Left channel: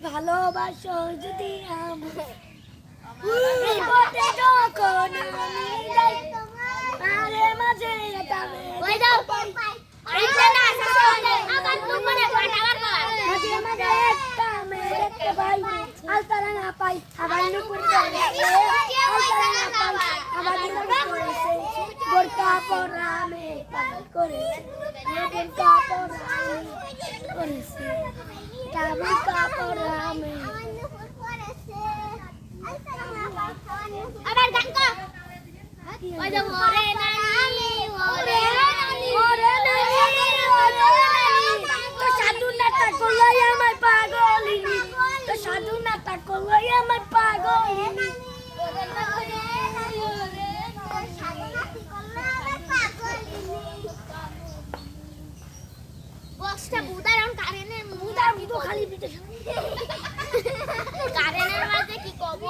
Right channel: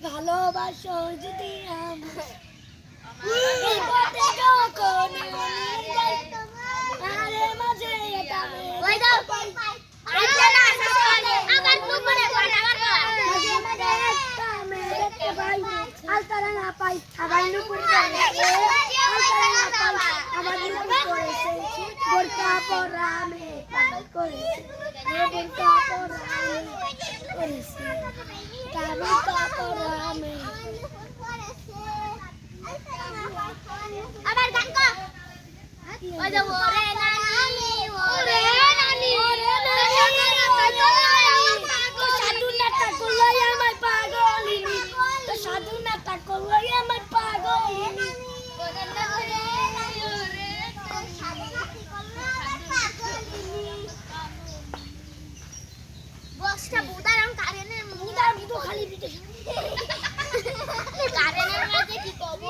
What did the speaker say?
ভালোবাসো যদি আমায় বিপদে যখন আমি যাই আরে মাঝে এটা দেখতে পাই মাঝে মাঝে একটা মেয়ে দেখতে পাই আর তারা না পাই আবার নুপুর আবার করেছে বোরকা পরা মেয়ে পাগল করেছে বোরকা পরা করেছে বোরকা পরা মেয়ে আবার গান কর ওই যে ওরে নানি ওরে নানি ওরে নানি ওরে নানি তো সাধু নাটা করলাই আমায় পাগলিনী তো সাধু নাটা করলাই আমায় পাগলিনী বক্সটা বুদারাম কারেনে বুদা বুদো খালি পিটে কারেনের মাঝে কি কব